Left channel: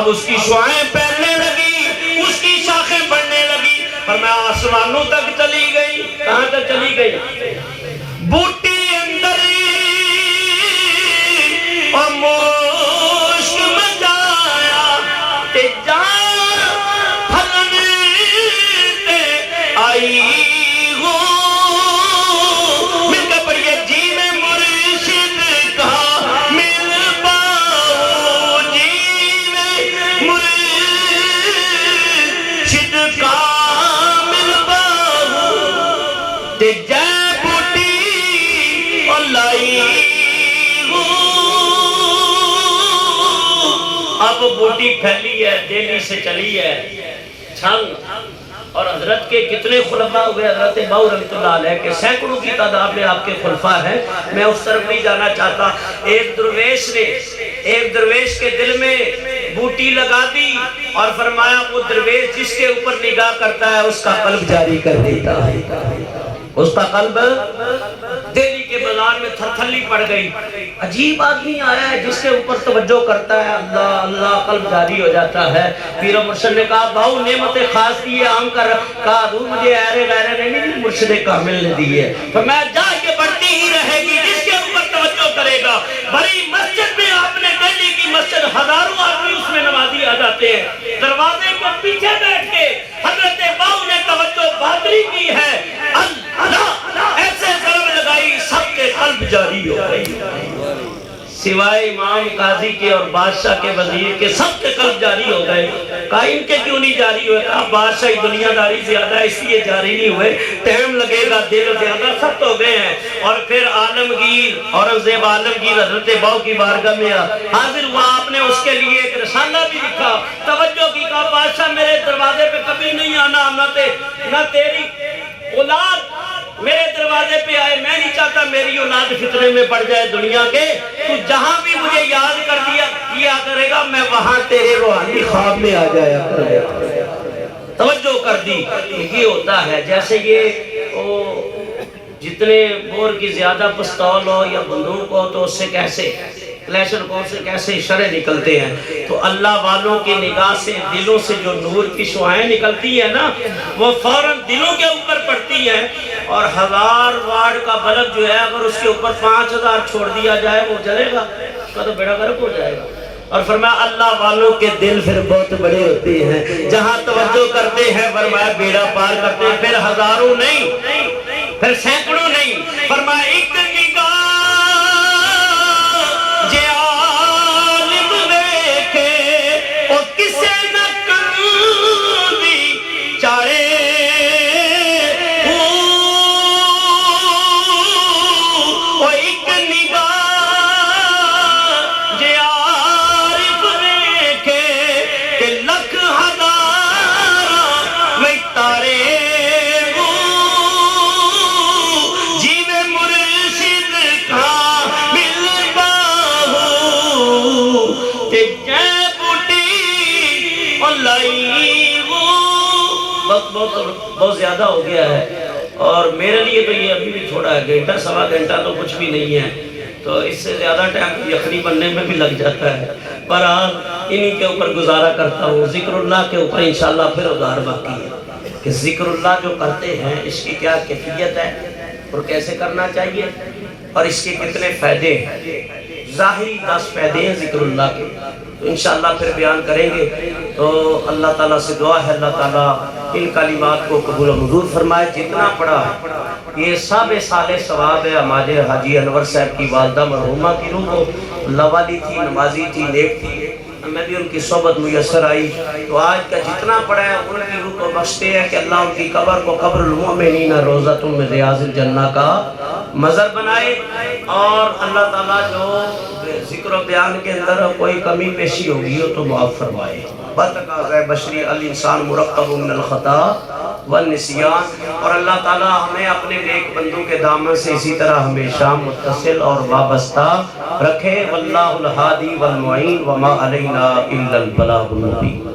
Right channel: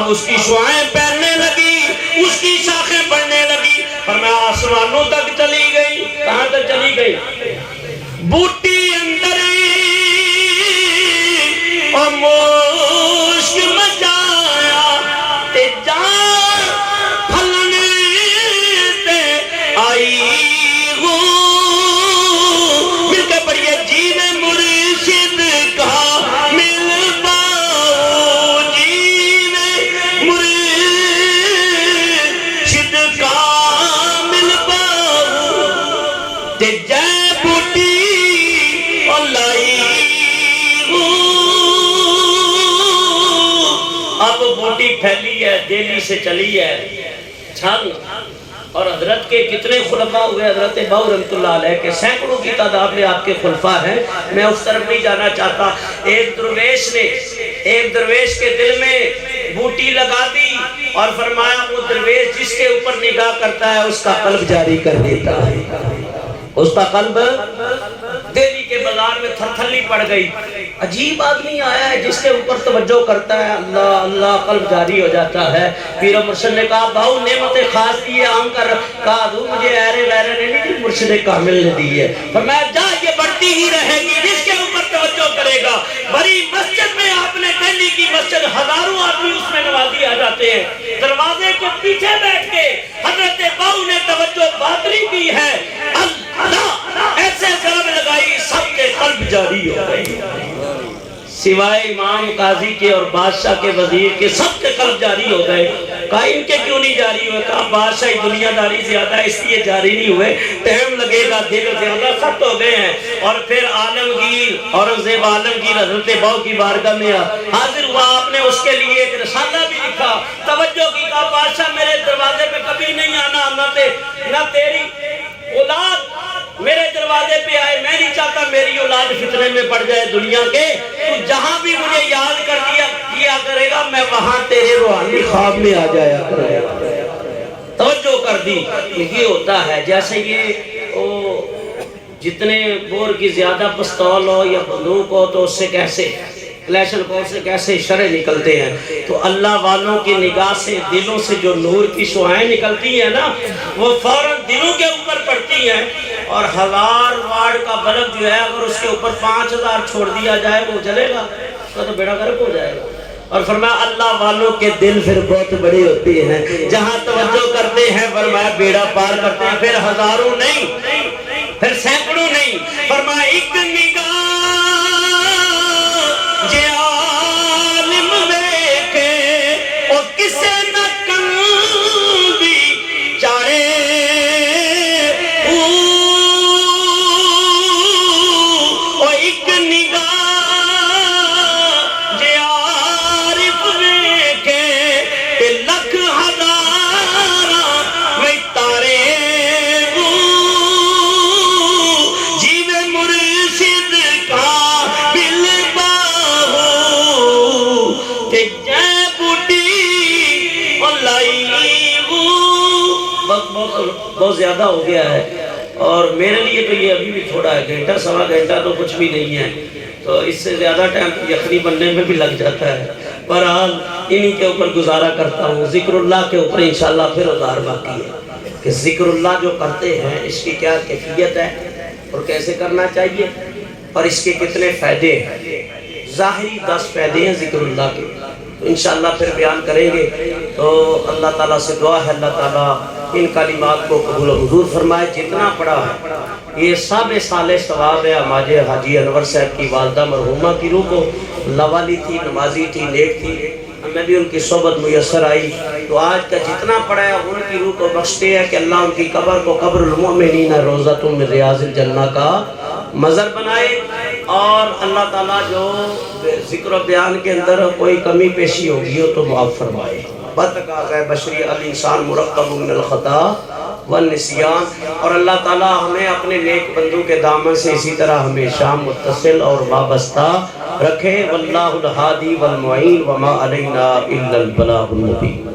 اب اس کی شعائیں پھیلنے لگی، اس کی شاخیں بڑھنے لگی، فرمایا آسمانوں تک چلی گئی۔ کہاں تک چلی گئی؟ بوٹی اندر اور مشک مچایا تے جان پھلن تے آئی ہو۔ مل کے پڑھیے، جی میں مرشد کا مل پاؤ، جی میں مرشد کا مل پاؤ تے جے بوٹی اور لائی ہو۔ اب بوٹی پھیلی ہے، دہلی سے چلی ہے چھل، اور حضرت کے کتنے خلفاء ہوئے، حضرت باؤ رحمۃ اللہ علیہ کے سینکڑوں کی تعداد میں آپ کے خلفاء ہیں، میں اس طرف نہیں جانا چاہتا۔ ایک درویش کے دل میں بوٹی لگا دی اور فرمایا وہ درویش جس کے اوپر نگاہ کرتا ہے اس کا قلب جاری کر دیتا ہے، اس کا قلب۔ دہلی کے بازار میں تھرتھلی پڑ گئی، عجیب آدمی آیا ہے جس کے اوپر توجہ کرتا ہے، اللہ اللہ قلب جاری ہو جاتا ہے۔ پیر و مرشد نے کہا بھاؤ نعمت خاص دی ہے، عام کر کہا دوں مجھے ایرے ویرے نے نہیں، مرشد کامل نے دی ہے۔ فرمایا جا یہ بڑھتی ہی رہے گی جس کے اوپر توجہ کرے گا۔ بڑی مسجد میں آپ نے دہلی کی مسجد، ہزاروں آدمی اس میں نمازی آ جاتے ہیں، دروازے کے پیچھے بیٹھ کے حضرت باؤ نے توجہ باطلی کی ہے، اللہ ایسے ضرب لگائی سب کے قلب جاری ہو گئی، سوائے امام قاضی کے اور بادشاہ کے وزیر کے سب کے قلب جاری ہو گئے۔ کہا ان کے کیوں نہیں جاری ہوئے؟ کہا بادشاہی دنیا داری زیادہ ہے اس لیے جاری نہیں ہوئے، ٹائم لگے گا، دل زیادہ سخت ہو گئے ہیں۔ اور پھر عالمگیر اورنگزیب عالمگیر حضرت باؤ کی بارگاہ میں حاضر ہوا، آپ نے اس کے لیے ایک رسالہ بھی لکھا، توجہ کی، کہا بادشاہ میرے دروازے پہ کبھی نہیں آنا، نہ تیری اولاد میرے دروازے پہ آئے، میں نہیں چاہتا میری اولاد فتنے میں پڑ جائے دنیا کے، تو جہاں بھی مجھے یاد کر دیا کرے گا میں وہاں تیرے روحانی خواب میں آ جایا کرے گا۔ توجہ کر دی، یہ ہوتا ہے جیسے یہ جتنے بور کی زیادہ پستول ہو یا بندوق ہو تو اس سے کیسے کلیشن کو سے کیسے اشارے نکلتے ہیں، تو اللہ والوں کی نگاہ سے دلوں سے جو نور کی شعائیں نکلتی ہیں نا وہ فوراً دلوں کے اوپر پڑتی ہیں، اور 1000 واٹ کا بلب جو ہے اگر اس کے اوپر 5000 چھوڑ دیا جائے وہ جلے گا، اس کا تو بیڑا غرق ہو جائے گا۔ اور فرمایا اللہ والوں کے دل پھر بہت بڑے ہوتے ہیں، جہاں توجہ کرتے ہیں فرمایا بیڑا پار کرتے ہیں، پھر ہزاروں نہیں پھر سینکڑوں نہیں، فرمایا ایک نگاہ جے عالم دیکھے اور کسے نہ کندی چارے، اور ایک نگاہ جے عارف دیکھے کہ لکھ ہزار میں تارے، جیوے مرشد کا ملتا ہو کہ جے بوٹی اور لائی ہو۔ بہت زیادہ ہو گیا ہے، اور میرے لیے تو یہ ابھی بھی تھوڑا ہے، گھنٹہ سوا گھنٹہ تو کچھ بھی نہیں ہے، تو اس سے زیادہ ٹائم یخنی بننے میں بھی لگ جاتا ہے۔ بہرحال انہی کے اوپر گزارا کرتا ہوں، ذکر اللہ کے اوپر انشاءاللہ پھر ادھار باقی ہے کہ ذکر اللہ جو کرتے ہیں اس کی کیا کیفیت ہے اور کیسے کرنا چاہیے اور اس کے کتنے فائدے ہیں۔ ظاہری 10 فائدے ہیں ذکر اللہ کے، انشاءاللہ پھر بیان کریں گے۔ تو اللہ تعالیٰ سے دعا ہے اللہ تعالیٰ ان کلمات کو قبول و منظور فرمائے۔ جتنا پڑھا ہے یہ سب صالح ثواب ہے ہمارے حاجی انور صاحب کی والدہ مرحومہ کی روح کو، اللہ والی تھی، نمازی تھی، نیک تھی، ہمیں بھی ان کی صحبت میسر آئی، تو آج کا جتنا پڑھا ہے ان کی روح کو بخشتے ہیں کہ اللہ ان کی قبر کو قبر المؤمنین روضۃ من ریاض الجنہ کا مزر بنائے، اور اللہ تعالیٰ جو ذکر و بیان کے اندر کوئی کمی پیشی ہوگی ہو تو معاف فرمائے۔ بتقاضۂ بشری الانسان مرکب من الخطا والنسیان، اور اللہ تعالیٰ ہمیں اپنے نیک بندوں کے دامن سے اسی طرح ہمیشہ متصل اور وابستہ رکھے۔ واللہ الہادی والمعین وما علینا الا البلاغ المبین۔